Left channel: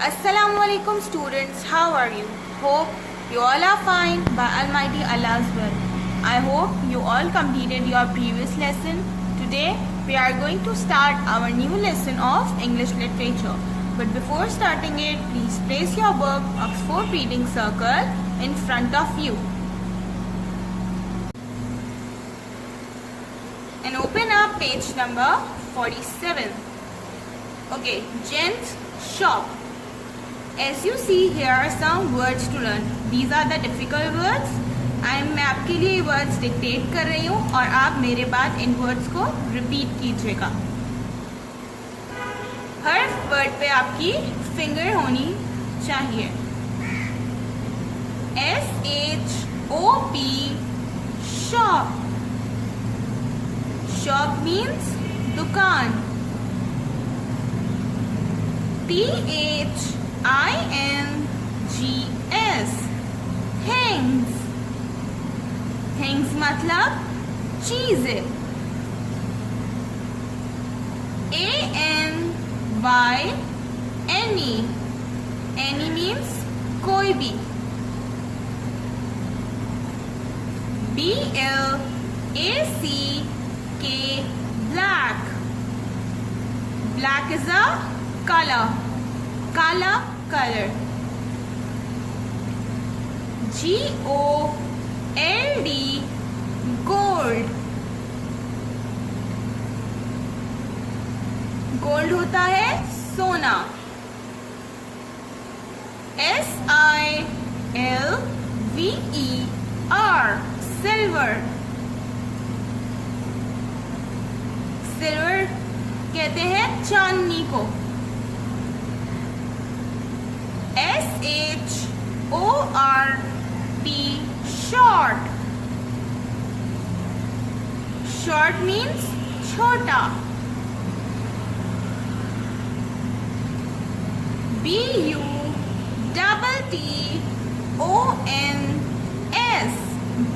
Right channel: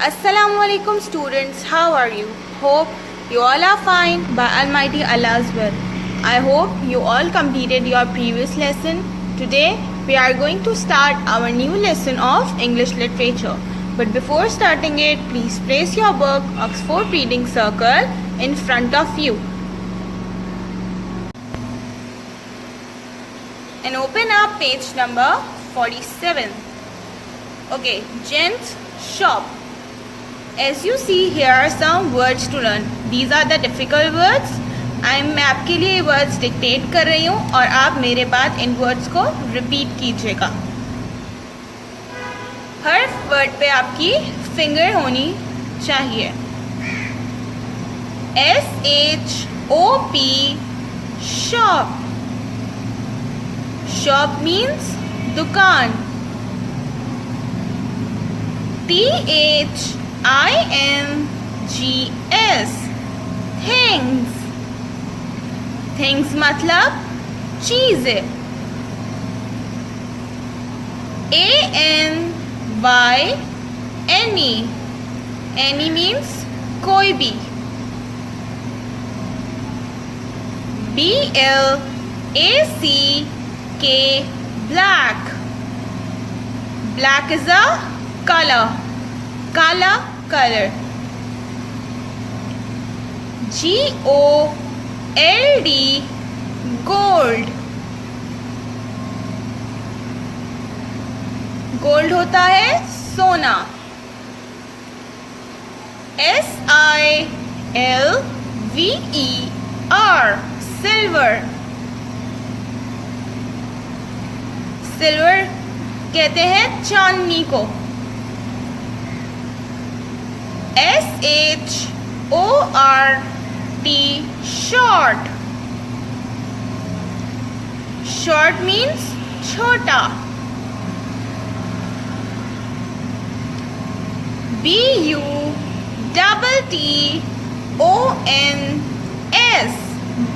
Assalamualaikum students, how are you? Hope you all are fine by Almighty Allah's will. I hope you all completed your previous lesson. Today we are going to start our new lesson of English literature. But before starting it, please place your book Oxford Reading Circle in front of you. And open up page number 47. Okay, gents shop. As you see, here are some words to learn. These are the difficult words. मैं आपके लिए words dictate कर रही हूँ और आप मेरे बाद इन वर्ड्स को रिपीट कीजिएगा. हर वर्ड पे आपकी फिंगर होनी चाहिए. SHOP shop. शॉप मीन्स दुकान. THINGS things. थिंग्स मतलब चीजें. ANY एनी मीन्स कोई भी. BLACK black. Black is a color. काला color. GOLD gold. गोल्ड होता है सोना. SILVER silver. सिल्वर कहते हैं चांदनी को. SHORT short. Short means छोटा. BUTTONS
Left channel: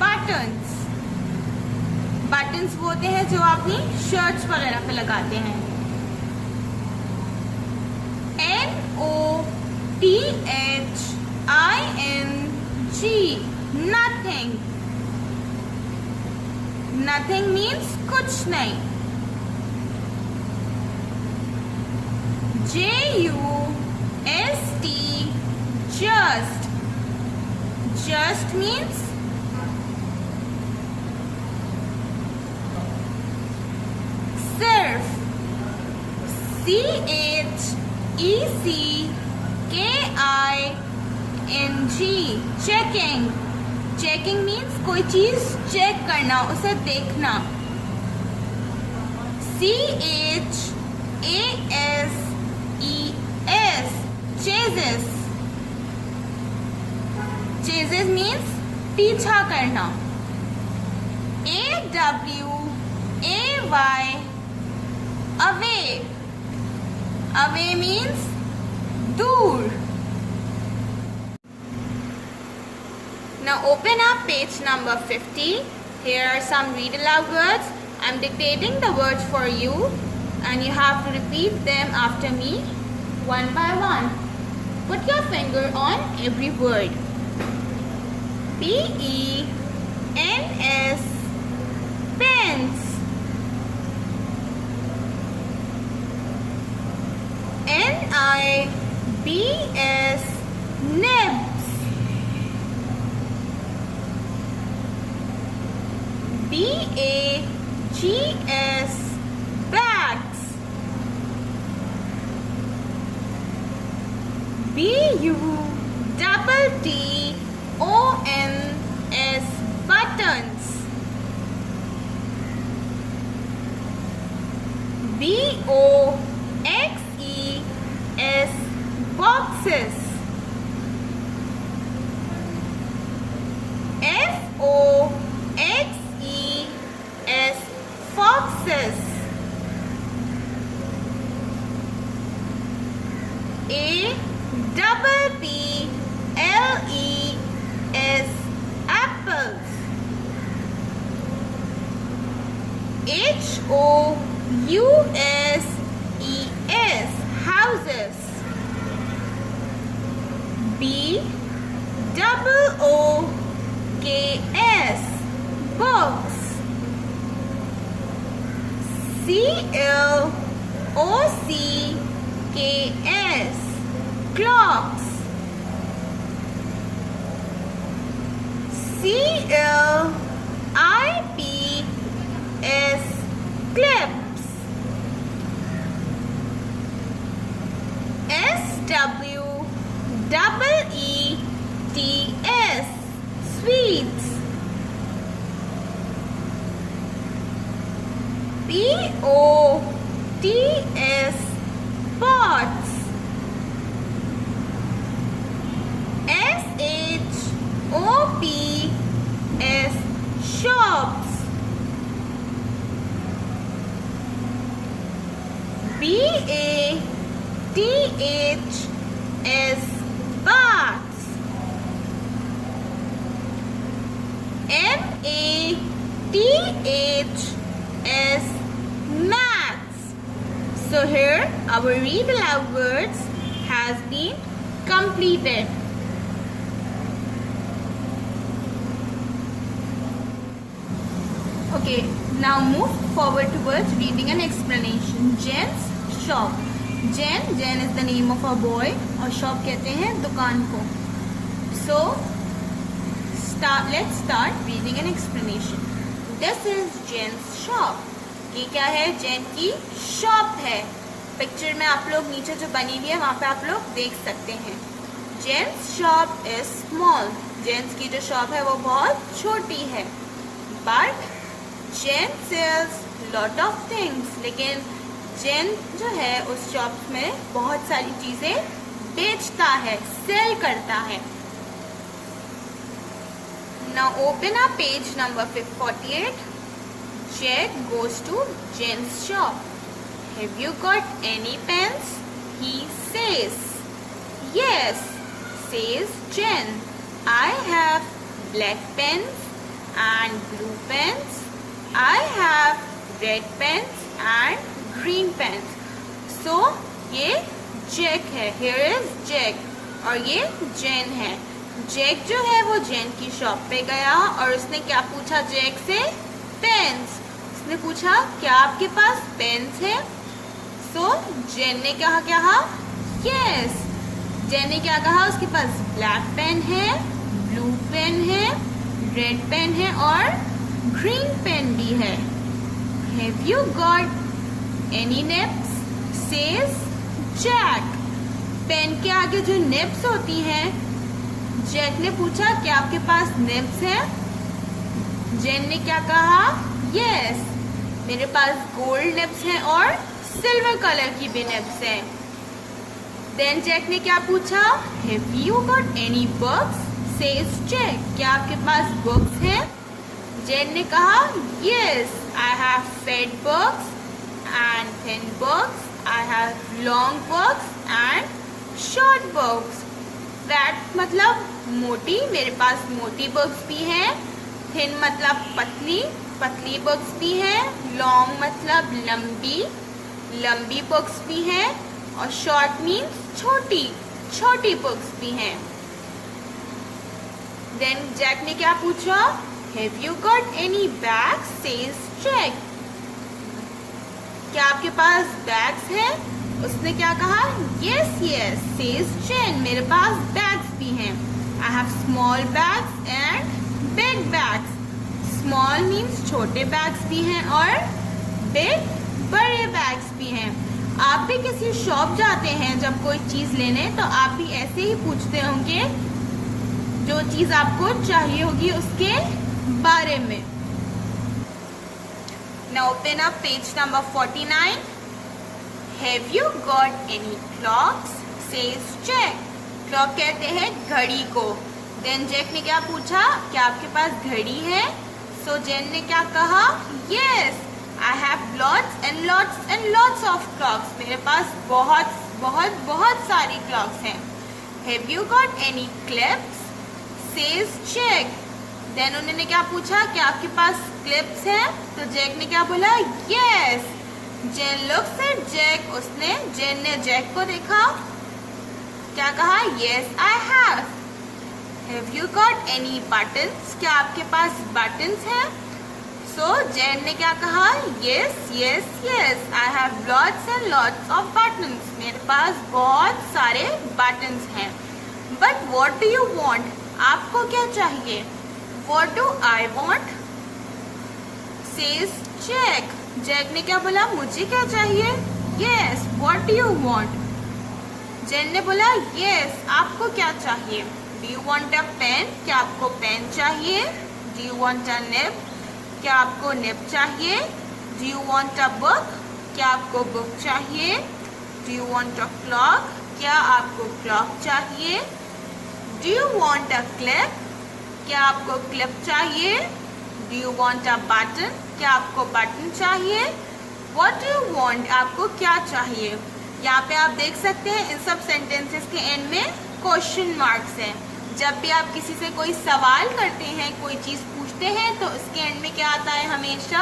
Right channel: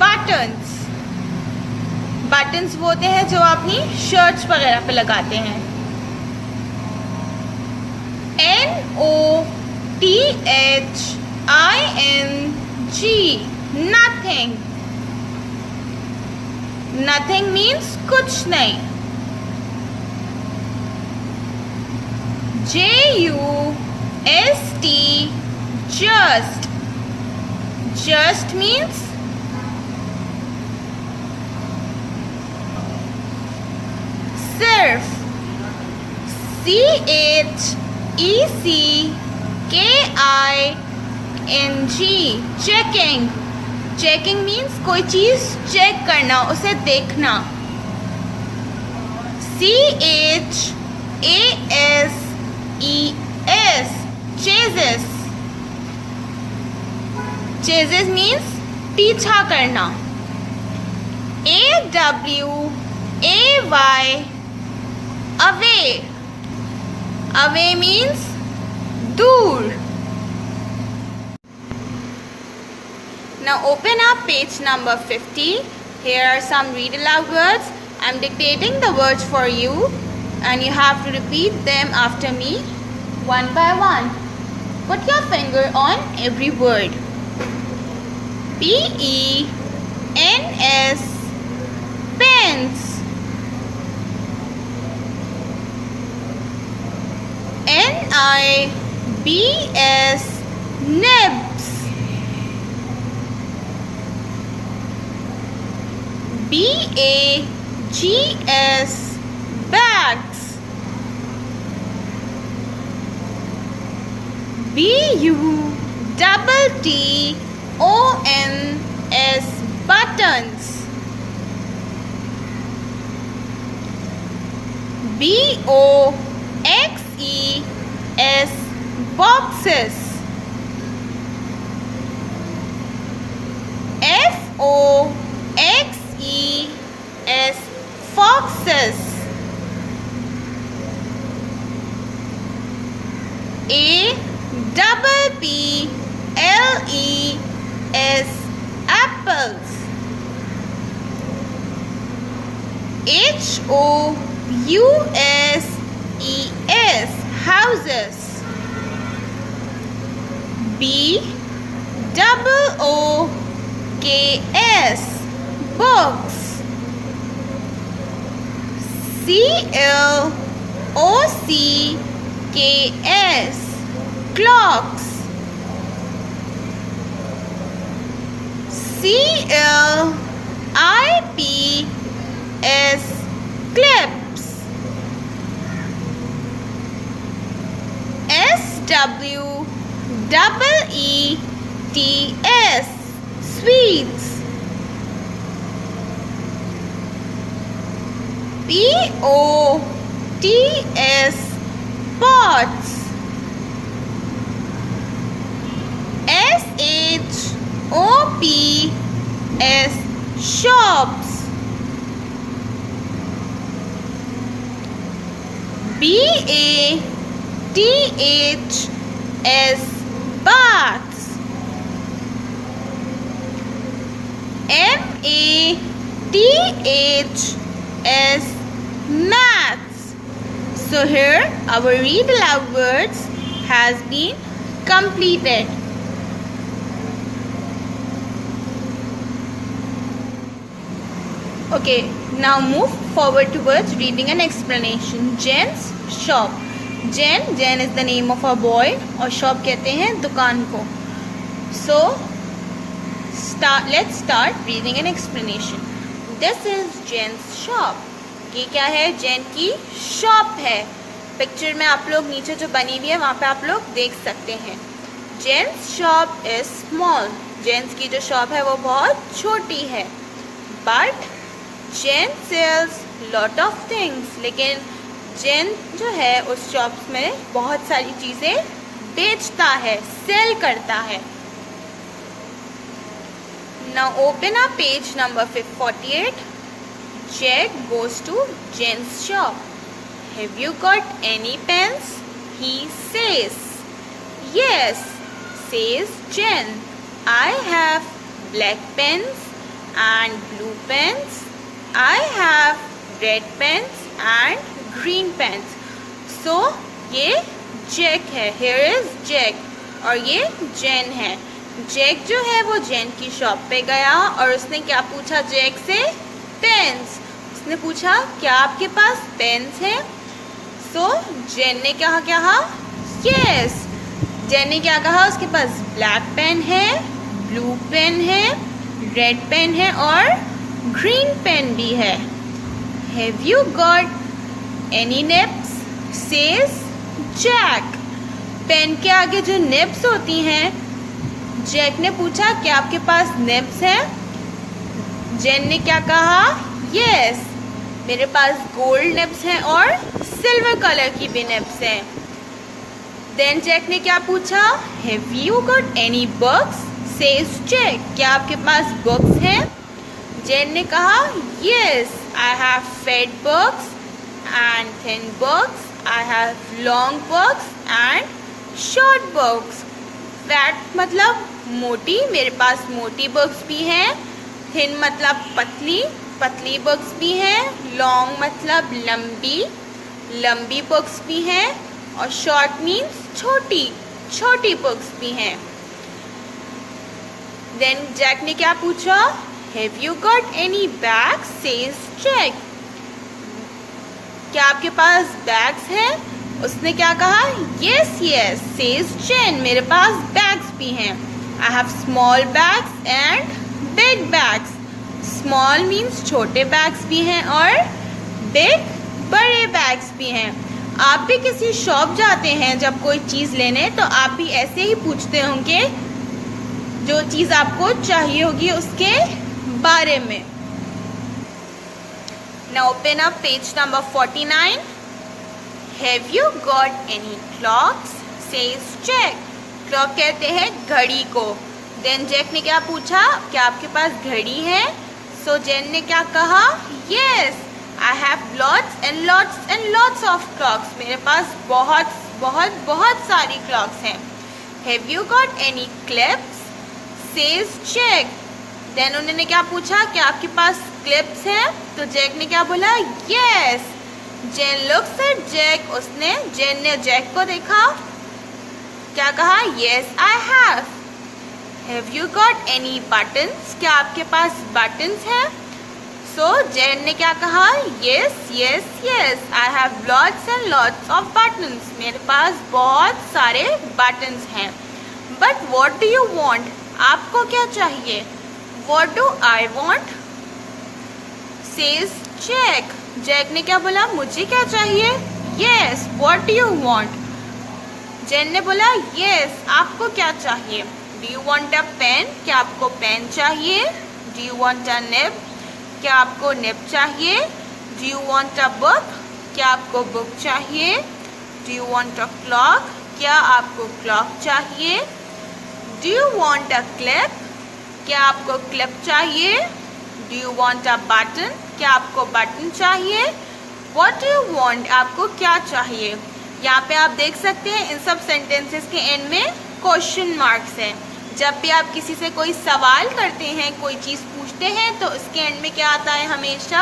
buttons. buttons वो होते हैं जो अपनी शर्ट्स वगैरह पे लगाते हैं. NOTHING nothing. nothing means कुछ नहीं. JUST just. just means सिर्फ. CHECKING checking. checking means कोई चीज चेक करना, उसे देखना. CHASES chases. chases means पीछा करना. AWAY away. away means दूर. Now open up page number 50. Here are some read aloud words. I'm dictating the words for you and you have to repeat them after me one by one. Put your finger on every word. PENS pens. NIBS nibs. BAGS bags. BUTTONS buttons. BOXES boxes. FOXES foxes. APPLES apples. HOUSES houses. BOOKS books. CLOCKS clocks. CLIPS clips. SWEETS sweets. POTS pots. SHOPS shops. BATHS baths. MATHS maths. So here our read aloud words has been completed. Okay, now move forward towards reading and explanation. Jen's shop. Jen is the name of a boy और shop कहते हैं दुकान को. So let's start reading and explanation. This is Jen's shop. ये क्या है? जेन की shop है. पिक्चर में आप लोग नीचे जो बनी हुई है वहाँ पे आप लोग देख सकते हैं. Jane's shop is small. Jane's की जो शॉप है वो बहुत छोटी है. But Jane sells lot of things. लेकिन जेन जो है उस शॉप में बहुत सारी चीजें बेचता है, सेल करता है. Now open up page number 48. Jack goes to Jen's shop. Have you got any pens? He says. Yes, says Jen. I have black pens and blue pens. I have red pens and green pens. So ये Jack है. Here is Jack. और ये Jen है. Jack जो है वो जेन की shop पे गया और उसने क्या पूछा जैक से? पेन्स. उसने पूछा क्या आपके पास पेन्स है? सो जेन ने क्या कहा? यस. जेन ने क्या कहा? उसके पास ब्लैक पेन है, ब्लू पेन है, रेड पेन है और ग्रीन पेन भी है. Have you got any nibs? Says Jack. Pen के आगे जो निप्स होती हैं, जैक ने पूछा क्या आपके पास निप्स है? जेन ने क्या कहा? यस, मेरे पास गोल्ड निप्स हैं और सिल्वर कलर की भी निप्स हैं. देन जैक ने क्या पूछा? Have you got any books? Says Jack. क्या आपके पास बुक्स हैं? जेन ने कहा yes, I have fat books and thin books. I have long books and short books. Fat मतलब मोटी. मेरे पास मोटी बुक्स भी हैं. थिन मतलब पतली, पतली बुक्स भी हैं. लॉन्ग मतलब लंबी, लंबी बुक्स भी हैं. और शॉर्ट मीन्स छोटी, छोटी बुक्स भी हैं. देन जैक ने क्या पूछा? Have you got any bags? Says Jack. क्या आपके पास बैग्स हैं? उसने क्या कहा? Yes yes, says Jane. मेरे पास बैग्स भी हैं. I have small bags and big bags. Small means छोटे बैग्स भी हैं और बिग बड़े बैग्स भी हैं. आप भी किसी शॉप जाते हैं जब कोई चीज़ लेने, तो आप भी ऐसे ही पूछते होंगे जो चीज़ आपको चाहिए होगी उसके बारे में. Now open up page number 49. Have you got any clocks? Says Jack. Clock कहते हैं घड़ी को. देन जैक ने क्या पूछा? क्या आपके पास घड़ी है? सो जेन ने क्या कहा? Yes, I have lots and lots and lots of clocks. मेरे पास बहुत बहुत बहुत सारी क्लॉक्स हैं. Have you got any clips? Says Jack. Then उन्होंने क्या पूछा? क्या आपके पास क्लिप्स हैं? तो जैक ने क्या बोला? Yes. Jane looks at Jack. Jane ने जैक को देखा. क्या कहा? Yes, I have. Have you got any buttons? क्या आपके पास buttons हैं? So जैन ने क्या कहा? Yes, yes, yes. I have lots and lots of buttons. मेरे पास बहुत सारे buttons हैं. But what do you want? आपको क्या चाहिए? What do I want? Says Jack. Jack ने क्या बोला? मुझे क्या चाहिए? Yes. What do you want? Jain ने बोला yes. आपको क्या चाहिए? Do you want a pen? क्या आपको पेन चाहिए? Do you want a nib? क्या आपको निब चाहिए? Do you want a book? क्या आपको बुक चाहिए? Do you want a clock? क्या आपको क्लॉक चाहिए? Do you want a clip? क्या आपको क्लिप चाहिए? Do you want a button? क्या आपको बटन चाहिए? What do you want? आपको क्या चाहिए? यहाँ पे आप देख सकते हैं इन सब सेंटेंसेस के एंड में क्वेश्चन मार्क्स हैं। जब भी आप किसी से कोई सवाल करते हैं, कोई चीज पूछते हैं, तो उसके एंड में क्या आता है? हमेशा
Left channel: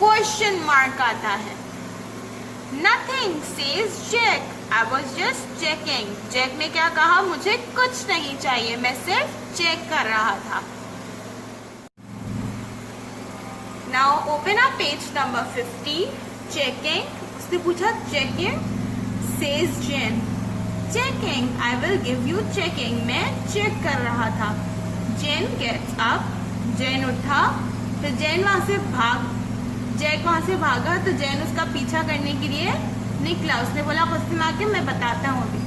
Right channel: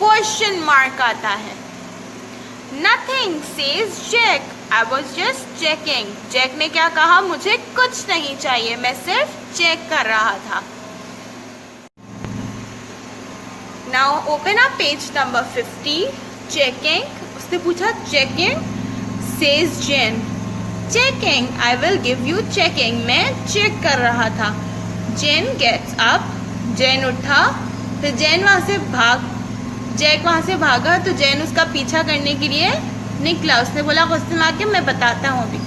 क्वेश्चन मार्क आता है। Nothing, says Jack. I was just checking. Jack ने क्या कहा? मुझे कुछ नहीं चाहिए, मैं सिर्फ चेक कर रहा था। Now open up page number 50. Checking. उसने पूछा checking. Says Jen. Checking. I will give you checking. मैं चेक कर रहा था। Jen gets up. Jen उठा। फिर जैक वहाँ से भागा तो जैन उसका पीछा करने के लिए निकला। उसने बोला क्वेश्चन मार्क के मैं बताता हूँ अभी।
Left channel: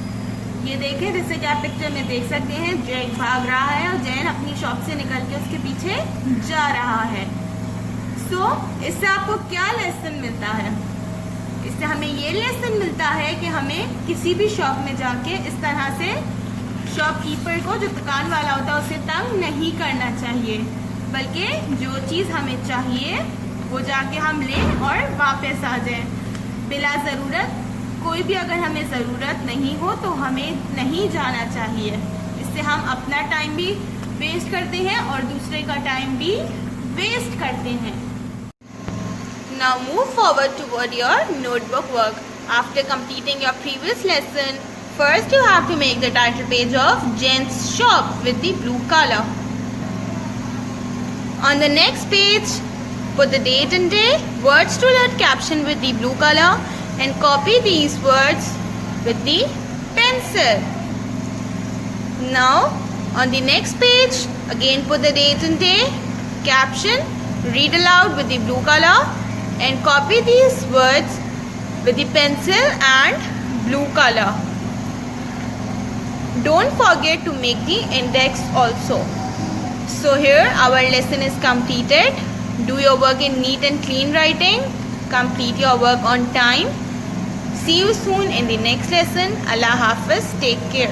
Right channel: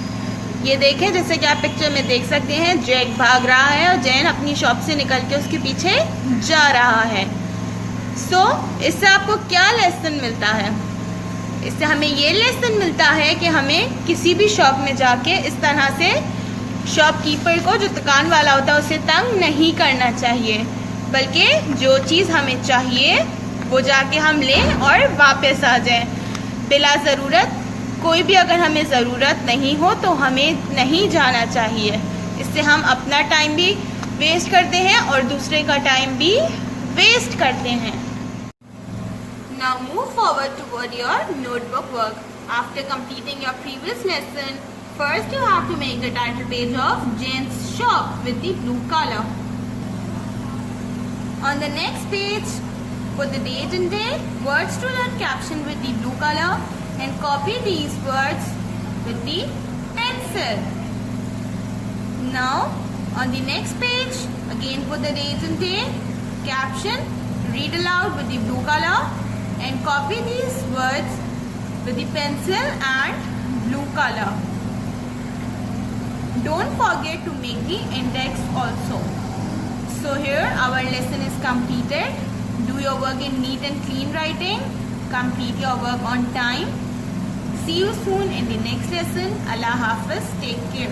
ये देखें, जैसे कि आप पिक्चर में देख सकते हैं, जैक भाग रहा है और जैन अपनी शॉप से निकल के उसके पीछे जा रहा है। इससे आपको क्या लेसन मिलता है? इससे हमें ये लेसन मिलता है कि हमें किसी भी शॉप में जाके इस तरह से शॉपकीपर को, जो दुकान वाला होता है, उसे तंग नहीं करना चाहिए, बल्कि जो चीज़ हमें चाहिए वो जाके हम लें और वापस आ जाएं। बिला ज़रूरत, कोई भी अगर हमें ज़रूरत नहीं हो तो हमें नहीं जाना चाहिए। इससे हम अपना टाइम भी वेस्ट करते हैं और दूसरे का टाइम भी वेस्ट करते हैं। Now move forward toward your notebook work. After completing your previous lesson, first you have to make the title page of Jen's shop with the blue color. On the next page, put the date and day, words to let caption with the blue color, and copy these words with the pencil. Now on the next page, again put the date and day, caption, read aloud with the blue color, and copy these words with the pencil and blue color. Don't forget to make the index also. So here our lesson is completed. Do your work in neat and clean writing. Complete your work on time. See you soon in the next lesson. Allah Hafiz. Take care.